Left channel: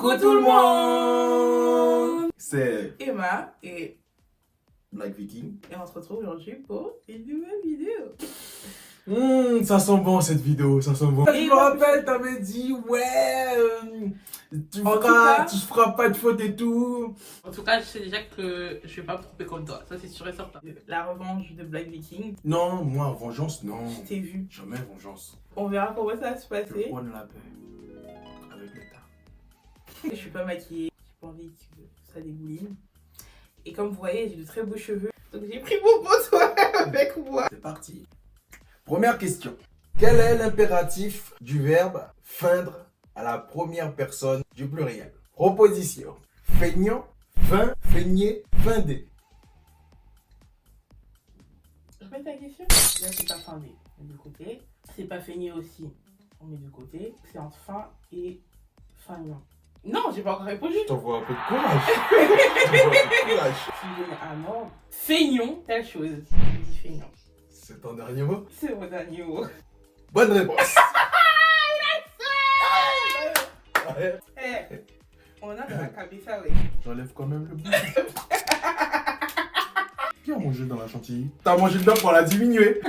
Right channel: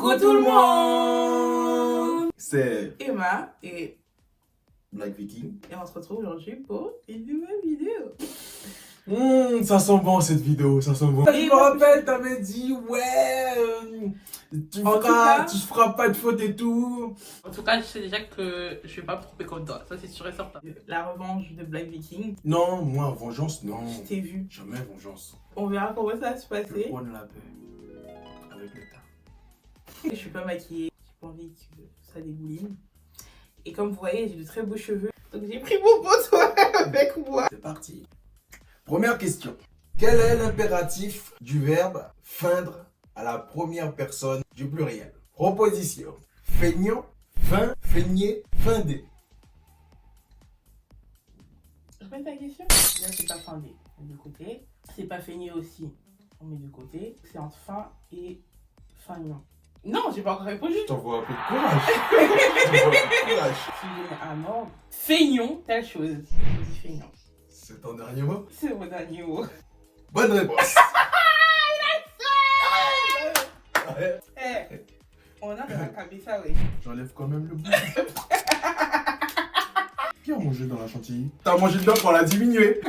Coucou tout le monde. C'est Emma et Black Viking. on se retrouve aujourd'hui pour une nouvelle vidéo. Ça sent bon cette vidéo, ça sent bon. Et Je me moi, rappelle, t'avais dit ouais, tu En tout cas- feras pas de faute et tout. En tout cas, je sais déjà que je vais pas me tromper comme toi, ça c'est sûr et certain. La revanche de Black Viking, Non, moi vengeance non. je t'ai vu. Jamais vengeance. On verra comment ça va se Je passer. prends la paix avec l'État. Je suis pas maquillée, j'ai pas envie que ça dégouline. Et comme vous voyez, j'ai de très beaux cheveux. Donc j'ai pris mon poteau avec moi. C'est parti. Première question. Quel est l'impératif du verbe feindre à la première personne du pluriel? Proposition. Feignant, feint, feigner, feinder. Répète ta question. Là, c'est pas findé, on met de côté. C'est pas feigné aussi, on met de côté. C'est entre fin et feignant. Non, j'ai pas encore répondu. Je t'envoie un peu de courage. Je t'envoie un peu de courage. Je me donne un ordre. Feignons, telle chose. Je dis feignant. C'est ton dernier mot? C'est mon dernier mot. Bonne réponse. Eh, on a de la cabessa, oui. J'enlève quand même le bout. Qui a mangé dans la chantilly? T'as mangé dedans pour la diminuer.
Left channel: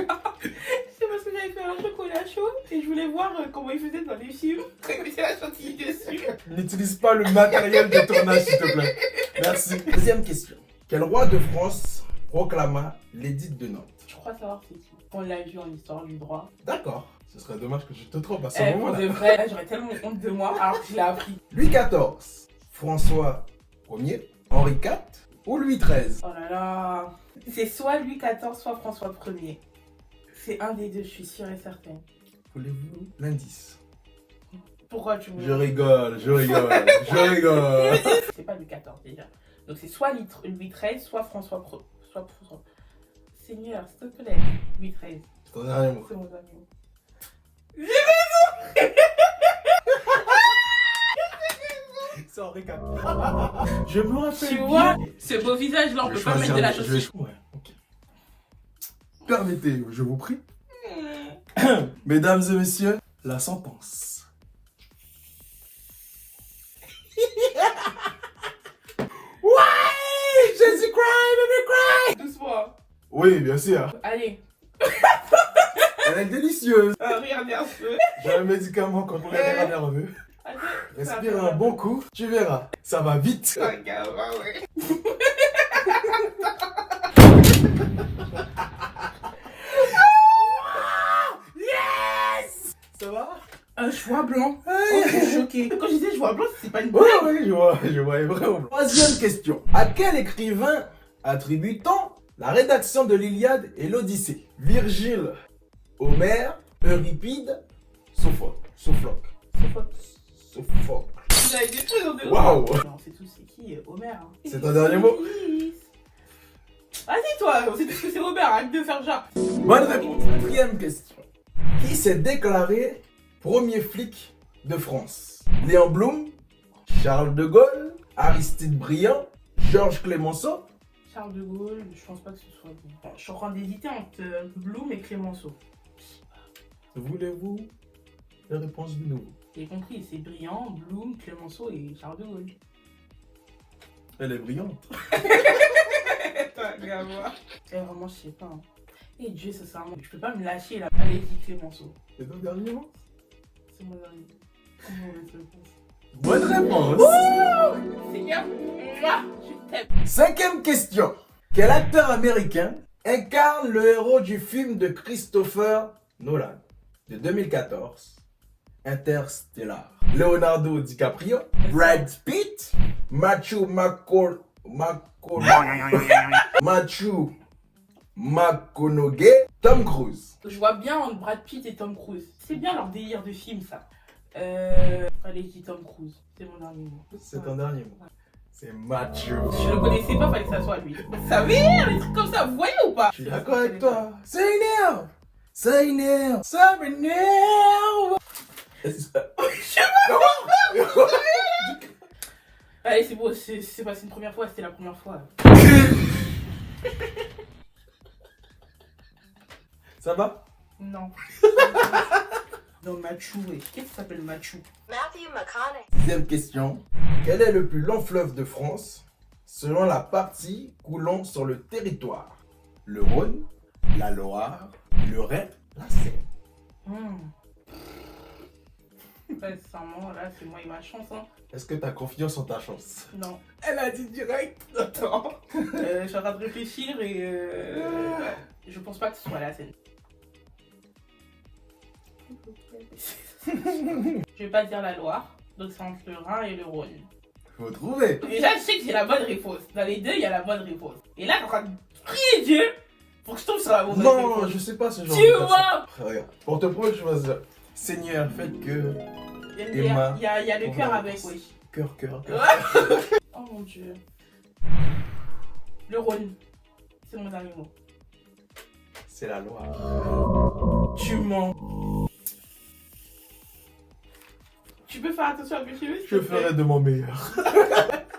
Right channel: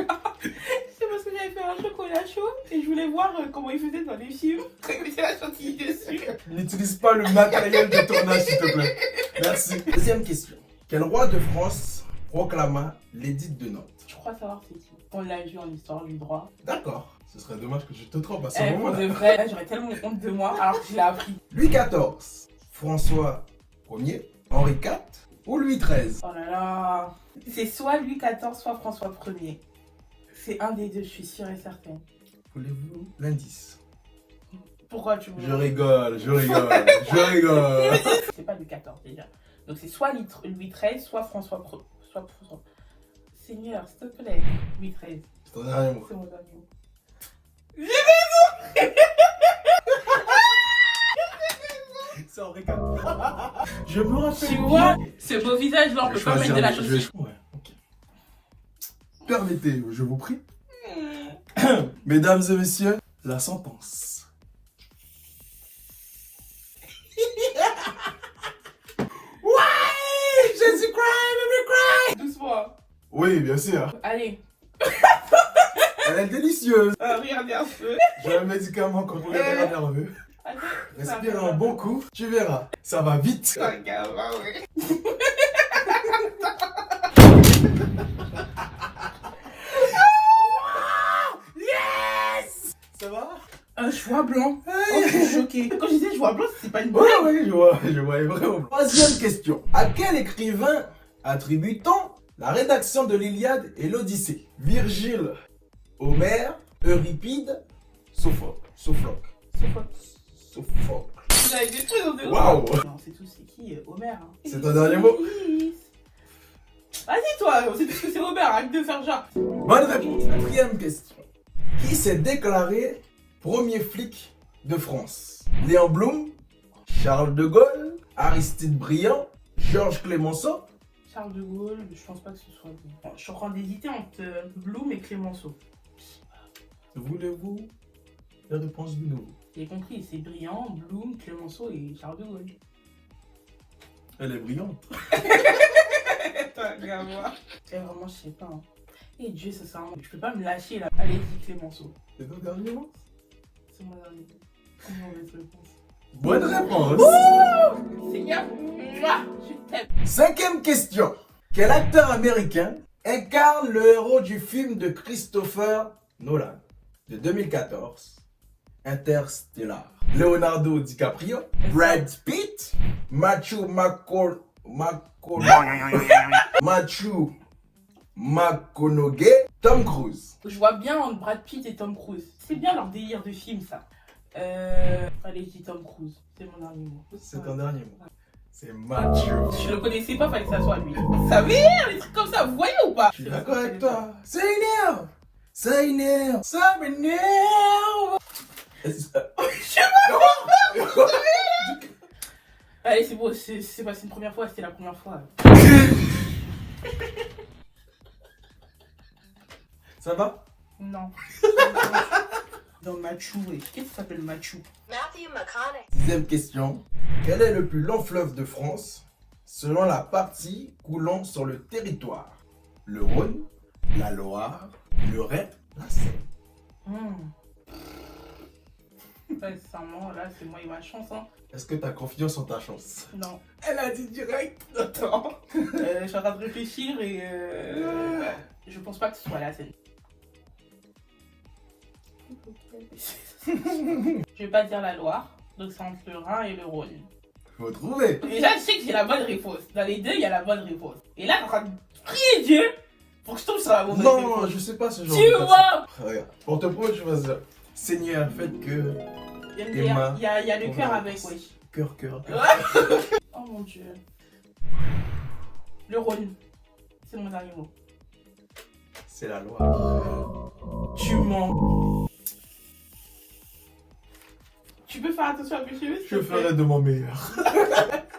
C'est parce que j'avais fait un chocolat chaud et je voulais voir comment ils faisaient dans les films quand ils mettaient la chantilly dessus. N'utilise pas le matériel de tournage, s'il te plaît. Merci. Deuxième question. Quel roi de France proclama l'édit de Nantes? Je crois savoir c'est qui. On l'a vu en histoire du droit. D'accord. Ce serait dommage que je te trompe à ce Eh, pour moment-là. de vrai, là, j'aurais tellement honte de moi alors que je l'ai appris. Louis XIV, François Ier, Henri IV ou Louis XIII? Oh là là. C'est soit Louis XIV, soit François Ier. C'est un des deux, je suis sûre et certaine. Voulez-vous l'indice? Pourquoi tu veux Je rigole, je rigole, je rigole. C'est pas Louis XIV déjà. Donc c'est soit Louis XIII, soit François soit François. Seigneur, s'il te plaît, Louis XIII. C'est ton dernier mot. C'est mon dernier mot. C'est Henri IV. Je me rappelle. Tu vois, ce beau visage là, on peut pas mettre de la chose. Ouais, ok. Permettez, je vous prie. Mesdames et messieurs, la sentence. Ouais, Jésus cry, baby cry. Doucement. Oui, bien sûr. Allez, Elle est délicieuse. regardez un peu. J'ai un médicament quand on est nerveux. Allez, Respire un bon coup, tu verras. Ça va vite. Regarde, ouais. Yes. Ça va? Un choix blanc. Oh, je suis choquée. Quand je disais choix blanc, c'est pas une Oui, blague. oui, je vois vraiment. Troisième question. À quel écrivain attribue-t-on la rédaction de l'Iliade et l'Odyssée? Virgile, Homère, Euripide, Sophocle. Sophocle. Vous avez des trucs dans deux. Waouh. On sait tous c'est qui, Homer. Hein. C'est ton dernier mot? Vas-y toi, on sait tous que c'est Homer, arrête de faire genre. Bonne réponse. Quatrième question. Qui s'est déclaré premier flic de France? Léon Blum, Charles de Gaulle, Aristide Briand, Georges Clemenceau? Charles de Gaulle, je pense pas que ce soit lui. Je suis en train d'hésiter entre Blum et Clémenceau. Voulez-vous la réponse du nouveau? J'ai compris, c'est Briand, Blum, Clémenceau et Charles de Gaulle. Elle est brillante. Vraiment, je sais pas. Hein. Et Dieu, ça sert à moi. Je peux pas me lâcher là. Allez, dis Clémenceau. C'est ton dernier mot? C'est mon dernier. Comment on va te réponse? Bonne réponse. Seigneur, je t'aime. Cinquième question. Quel acteur américain incarne le héros du film de Christopher Nolan de 2014, Interstellar? Leonardo DiCaprio, Brad Pitt, Matthew McConaughey, Tom Cruise. Je vois bien entre Brad Pitt et Tom Cruise. C'est bien leur délire de film, ça. Allez, je dis Tom Cruise. C'est mon dernier mot. C'est ton dernier mot. C'est Matthew. Je le connaissais pas, fallait que ça soit lui. Ça m'énerve, les trucs comme ça, vous voyez ou pas? Je suis d'accord avec toi. Ça énerve. Ça énerve. Ça m'énerve. Allez, c'est bon, c'est passé une première fois, c'était la première fois. Ça va? Non. Dans Machu, ouais. Qu'est-ce que ça s'appelle Machu? Matthew McConaughey. Sixième question. Quel est le plus long fleuve de France selon la partie coulant sur le territoire? Le Rhône, la Loire, le Rhin, la Seine. Sincèrement, là, c'est moi et ma chance. Hein. Est-ce que tu as confiance en ta chance? Non. Elle a dit direct. Attends. Je suis en train de réfléchir et je pense pas que ce soit la Seine. Je vais pas dire la Loire, donc c'est entre le Rhin et le Rhône. Faut trouver. Déjà, je sais que j'ai la bonne réponse. Dans les deux, il y a la bonne réponse. Et là, t'es en train de prier Dieu pour que je tombe sur la mauvaise réponse. Non, je sais pas ce genre Tu de vois. Regarde, pour te prouver, je vois ça. Seigneur, faites que... Il y a le cœur avec, oui. Cœur. Oh mon Dieu. Le Rhône. C'est mon dernier mot. C'est la Loire. Tu mens. Tu peux faire attention à mes cheveux? Je ferai de mon meilleur.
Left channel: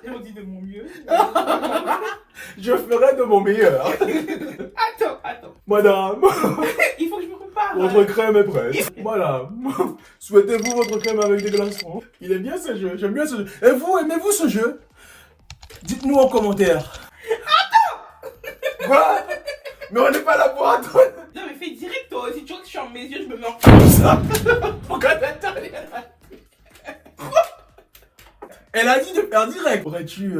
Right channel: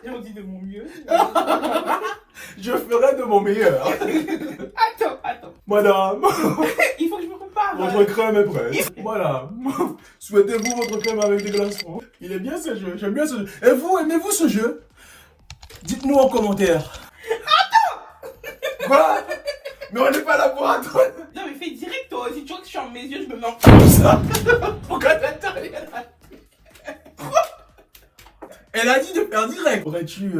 On dit de mon mieux. Je ferai de mon meilleur. Attends. Madame, Il faut que je me prépare. votre crème est prête. Madame, souhaitez-vous votre crème avec des glaçons? Il est bien ce jeu, j'aime bien ce jeu. Et vous, aimez-vous ce jeu? Dites-nous en commentaire. Attends. Quoi? Mais on n'est pas là pour attendre. Non mais fais direct toi. Si tu vois que je suis en mes yeux, je me mets en... Pourquoi t'attends? Elle a dit de faire direct. Pourrais-tu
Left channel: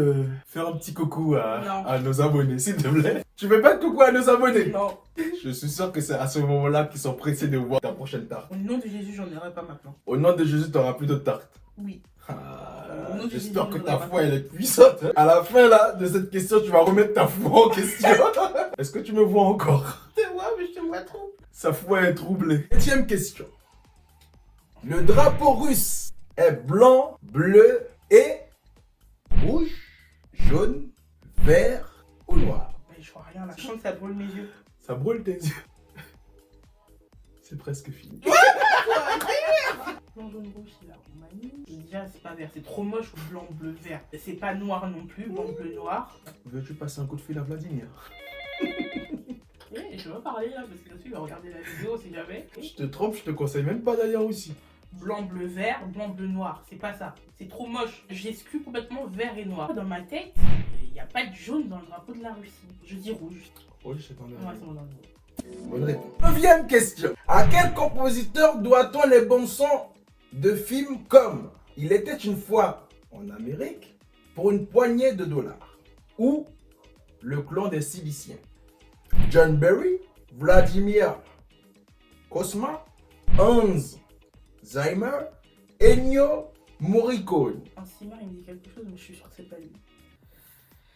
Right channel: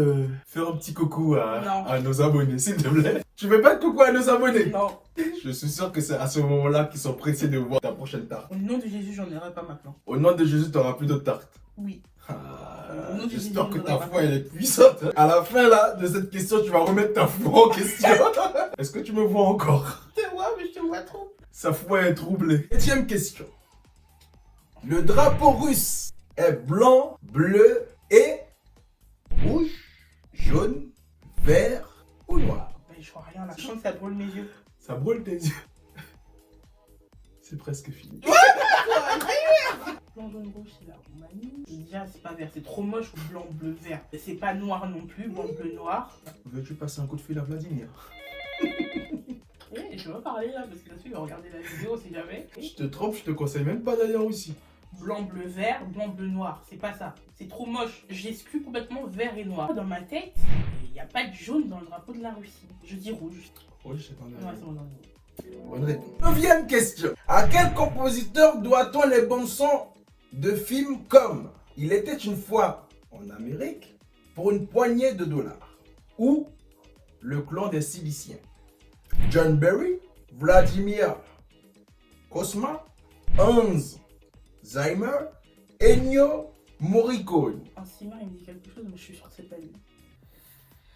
faire un petit coucou à nos abonnés, s'il te plaît? Tu fais pas de coucou à nos abonnés? Non. Je suis sûr que c'est à ce moment-là qu'ils sont pressés de voir ta prochaine tarte. Au nom de Jésus, j'en aurai pas maintenant. Au nom de Jésus, tu n'auras plus de tarte. Oui. Ah, nom de j'espère Jésus, que j'en ta aurai foi pas. elle est puissante. À la fin là de cette question, tu vas remettre ta foi en question. Est-ce que tu me vois encore? Je te vois, mais je te vois trop. Sa foi est troublée. 7e question. Le drapeau russe est blanc, bleu et rouge, jaune, vert ou noir? Mais je vois rien, la chance ça brûle mes yeux. Ça brûle tes yeux. C'est presque fini. Blanc, jaune, rouge, c'est la Roumanie. Et déjà, c'est pas vert, c'est trop moche. Blanc, bleu, vert. C'est pas noir non plus, blanc, bleu, noir. Veux-tu passer un coup de fil à Vladimir? Et je vais parler là, parce que là-dessus, il va regarder la vidéo, si jamais. Je te trompe, je te conseille même pas d'aller en Russie. Blanc, bleu, vert, blanc, bleu, noir. C'est pas ça. C'est trop moche. J'exclus complètement vert et noir. Dans ma tête, il n'y a pas de jaune dans le drapeau de la Russie. Je dis rouge. Oui, je t'en ai. Ouais, c'est mon dernier mot. Bonne réponse. 9e question. À quel compositeur doit-on les bons sons de films comme Il était une fois en Amérique pour une poignée de dollars ou Le clan des Ciliciens? John Barry, Vladimir Cosma, Hans Zimmer, Ennio Morricone. Un cimar, il me dit quelque chose, mais je suis sûre que c'est pas lui.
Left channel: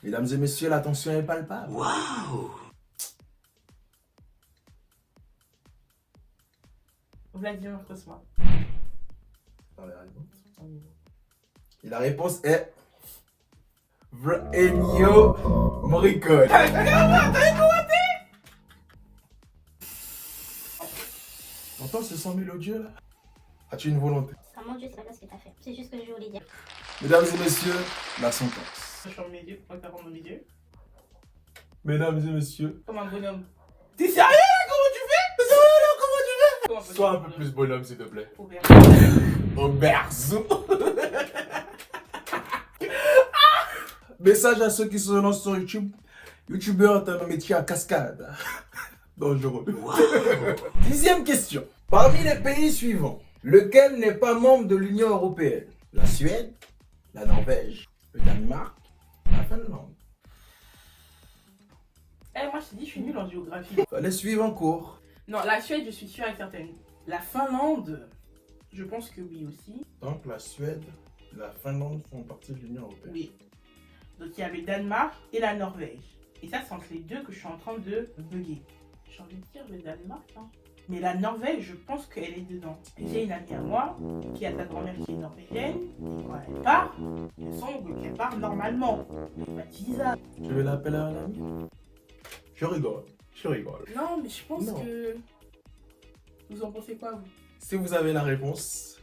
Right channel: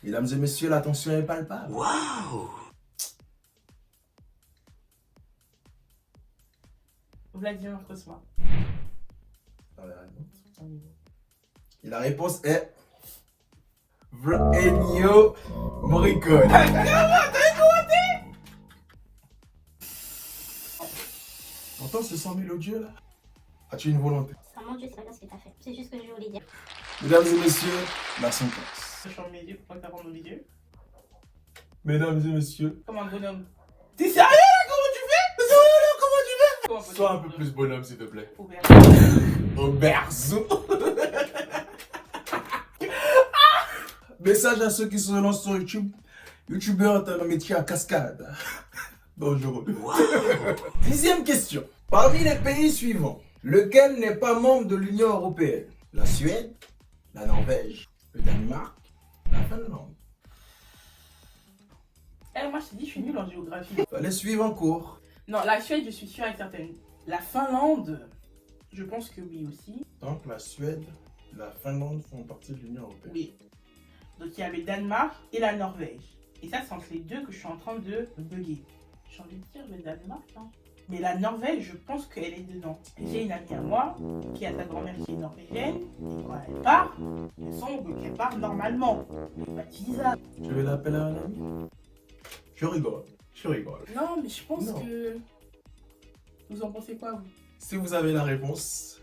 Mesdames et messieurs, l'attention est palpable. Waouh! Vladimir Cosma. Et la réponse est Ennio Morricone. Entends ce son mélodieux là? As-tu une volonté? Ah mon Dieu, c'est pas bien ce que t'as fait. C'est juste ce que je voulais dire. Mesdames et messieurs, la sentence. Je ferme mes yeux, pourquoi t'as fermé mes yeux? Mesdames et messieurs, Comme un bonhomme. T'es sérieux là? Comment tu fais? Comment tu fais? sois un peu plus bonhomme s'il te plaît. Ouvert. Au berceau. Message à ceux qui se lancent sur YouTube. YouTubeur est un métier à cascade. Dangereux. 10e question. Parmi les pays suivants, lequel n'est pas membre de l'Union Européenne? La Suède, la Norvège, le Danemark, la Finlande. Moi je t'ai dit, je suis nulle en géographie. Fallait suivre en cours. Non, la Suède, je suis sûre et certaine. La Finlande, je pense que oui aussi. Donc la Suède, la Finlande font partie de l'Union Européenne. Oui. Donc il y a le Danemark et la Norvège. Et ça, c'est entre les deux que je suis en train de bugger. J'ai envie de dire le Danemark, hein. Mais la Norvège, je pense qu'elle est dedans. J'ai une amie à moi qui a sa grand-mère qui est norvégienne. Quand elle part, elle semble qu'elle part normalement. Bah, Lisa. Tu veux l'appeler un ami? Je rigole. Non, mais je pense Non. que... Vous en pensez quoi, vous? Si vous avez la réponse,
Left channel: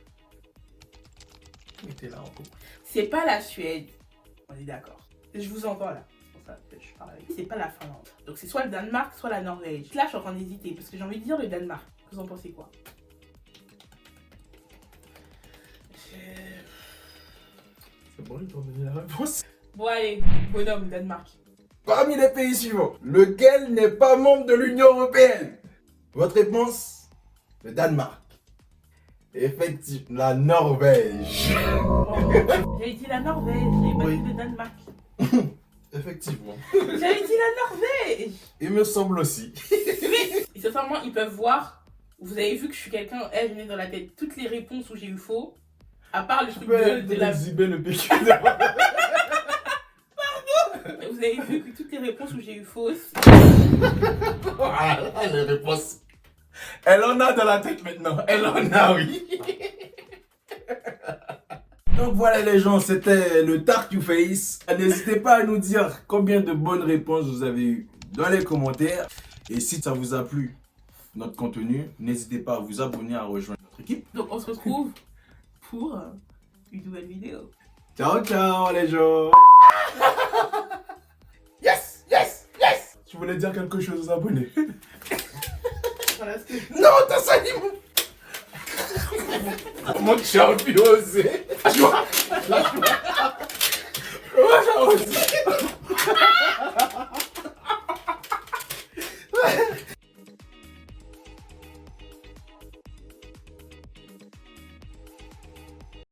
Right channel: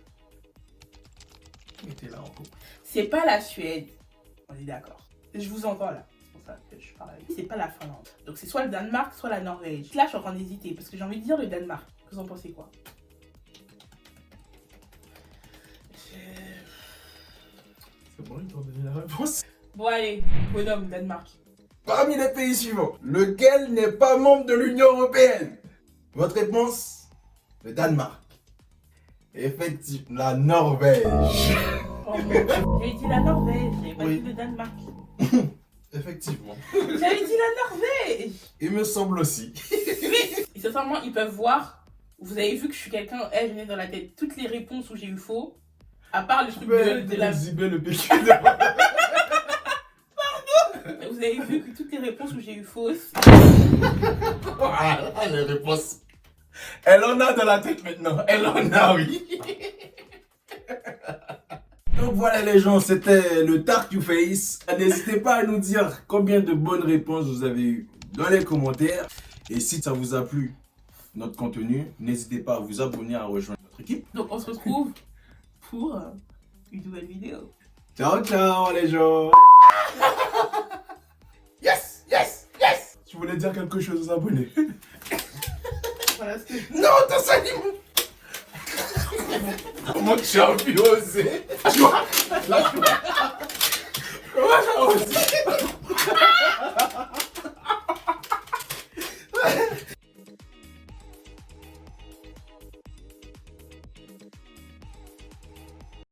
mettez-la en cours. C'est pas la Suède. On est d'accord. Je vous entends là. C'est pour ça que je parle avec vous. C'est pas la Finlande. Donc c'est soit le Danemark, soit la Norvège. Là, je suis en train d'hésiter parce que j'ai envie de dire le Danemark. Vous en pensez quoi? C'est bon, ils t'ont donné la réponse. Bon, allez, bonhomme, Danemark. Parmi les pays suivants, lequel n'est pas membre de l'Union Européenne? Votre réponse? Le Danemark. Effectivement, la Norvège. Oh, j'avais dit la Norvège, j'avais pas Oui. dit le Danemark. Effectivement. J'avais dit la Norvège. Il me semble aussi. Et sincèrement, ils peuvent voir. Vous avez vu que je suis quelqu'un, je mets dans la tête toutes les réponses où j'ai eu faux. À part le truc de la... le PQ. Vous avez vu que toutes les réponses où j'ai eu fausses. Ah, les réponses. Elle en a dans la tête maintenant. Elle en a, oui. Donc voilà les gens, c'était le Dark You Face. N'hésitez pas à nous dire combien de bonnes réponses vous avez eues dans les commentaires. Et si ça vous a plu, notre contenu, n'hésitez pas à vous abonner, à rejoindre notre équipe. Donc on se retrouve pour une nouvelle vidéo. Ciao, ciao les gens. Yes, yes, yes. Tu voulais dire quelque chose aux abonnés? Voilà ce que je... Non, t'as ça dit. Comment tu as pu oser?